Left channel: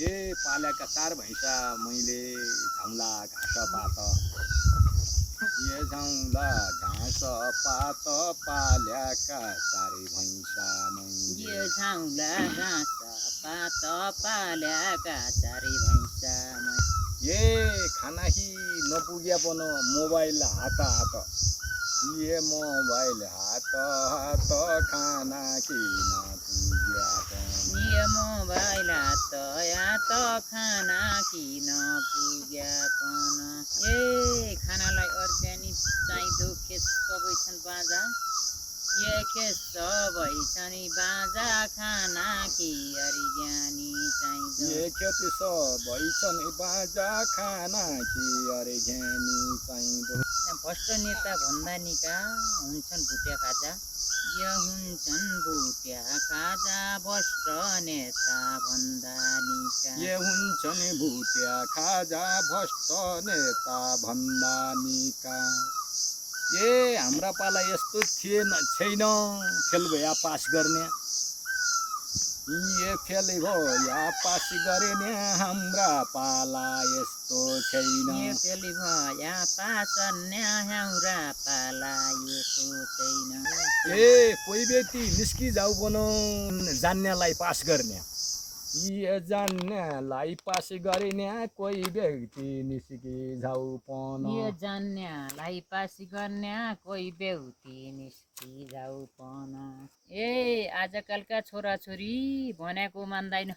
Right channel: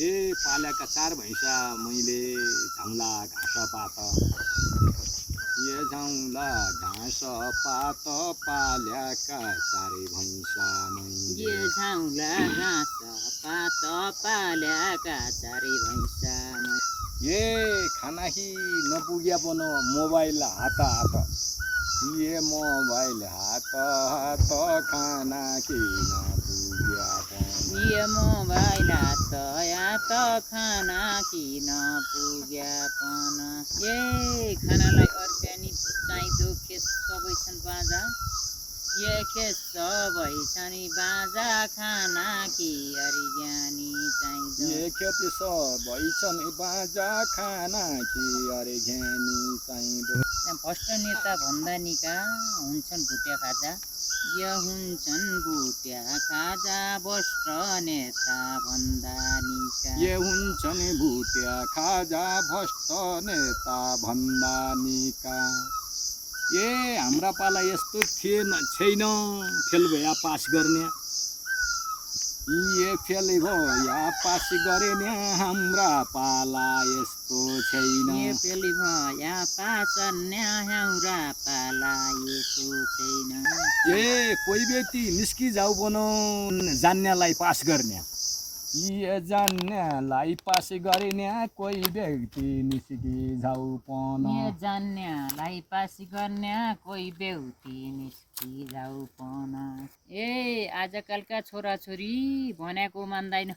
ए पाल्याका 4 भैँसा मैले झाउँला घाँस पात ए झाउँला घाँस पात पाल्याका 4 भैँसा मैले ये झाउँला घाँस पात पाल्याका 4 भैँसा ए खानाही नपुग्या पन मोबाइल हात हात ये मोबाइल हात हात खाना कि नपुग्या पन ये मोबाइल हात खाना किन पुग्यापन ए खानालाई अर्ग्यानिक चाहिँदो खेत सबै छन् बाजा ये खेत सबै छन् बाजा खाना कि अर्ग्यानी चाहिँदो ये खेती सबै छन् बाजा खाना कि अरे घ्यानी चाहिँदो भ्रष्ट नेता भन्दा निका हुन्छन् भुटिया खाजा यो हुन्छन् भुटिया खाजा भ्रष्ट नेता भन्दा निका ये हुन्छन् भुटिया खाजा भ्रष्ट नेता भन्दा निका ए हाम्रा पाला यस्तो थिएन छैन फेल भया पास गर्ने ये फेल भया पास गरेन हाम्रा पाला यस्तो छैन ये पेली भया पाचन्या हाम्रा पाला यसो छैन ए कोही व्यक्ति निस्कि जाऊ बन जान्नेलाई पास गर्ने ये जान्नेलाई पास गरिने कोही व्यक्ति निस्कि जाऊ पन ये जान्नेलाई पास गर्ने कोही व्यक्ति निस्कि जाऊ पन ए आजकलका छोराछोरी भनेको मान्दैन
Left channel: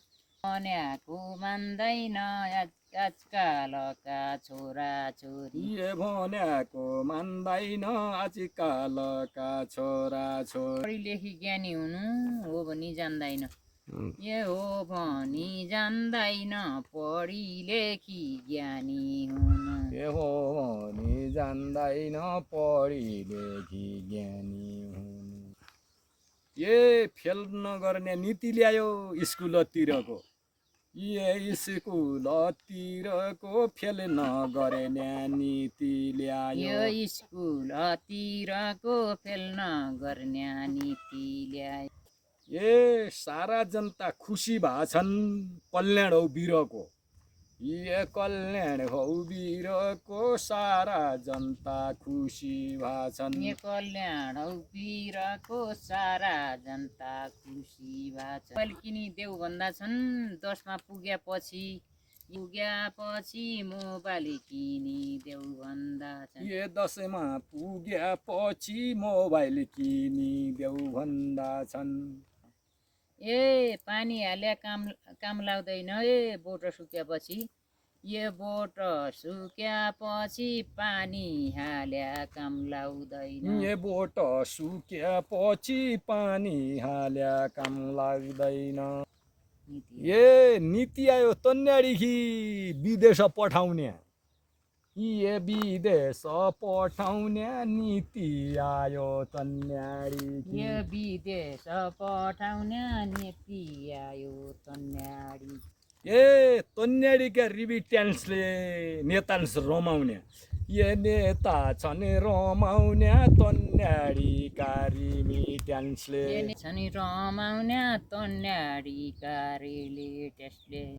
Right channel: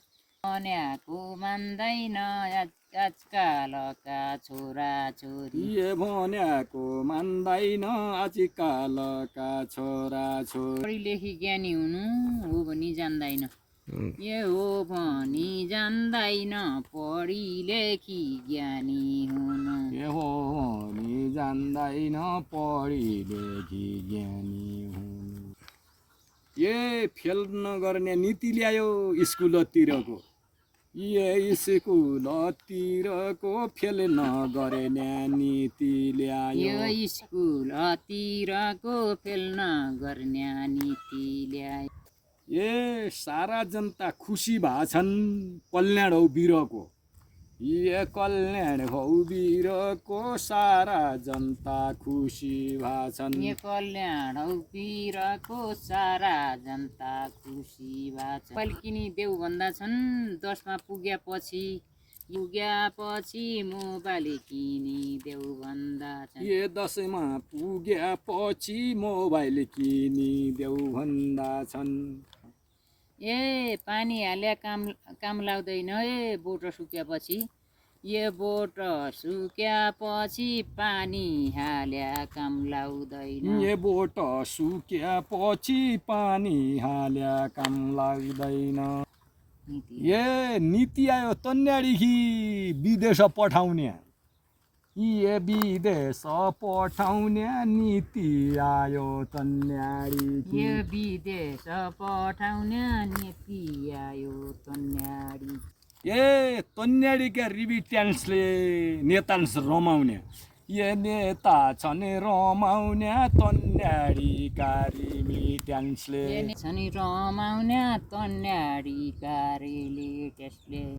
आजकालका छोराछोरी ये भनेको मान्दैन आजकालका छोराछोरी पढी लेखी ज्ञानी हुनु हो भनी जान्दैन ये हो भनी जान्दैन पढी लेखी ज्ञानी हुनु ये हो भनी जान्दैन पढी लेखी ज्ञानी हुनु ये फेल नगर्ने नीति ल्यायो स्कुलतिरको ये स्कुलतिरको फेल नगर्ने नीति ल्यायो यो स्कुलतिरको फेल नगर्ने नीति ल्यायो ए सारा जनता खुसी भएछन् कल्याण हौ वीरको ये कल्याण हौ वीरको सारा जनता खुसी भएछन् ये कल्याण हौ वीरको सारा जनता खुसी भएछन् पल्किनी देऊ भन्दा छन् 10मा पुग्यापछि मोबाइल किनी देऊ भन्दा छन् ये 10मा पुगेपछि मोबाइल किनी देऊ भन्दा छन् ए पानी हाल्या काम लाग्दैन ए बोट सुक्यापछि ये बोट सुक्यापछि पानी हाल्या काम लाग्दैन ये बोट सुक्यापछि पानी हाल्या काम लाग्दैन ये नीति आयो तन्यादेखि विदेश पठाउने ये विदेश पठाउने नीति आयो तन्यादेखि ये विदेश पठाउने नीति आयो तन्याडी ए तन्याडीका रिबिट्यान्सले नेतान्स रमाउने ये नेता छन् रमाउने तन्याडीका रिबिट्यान्सले छन् रमाउने तन्याडीका रिबिट्यान्सले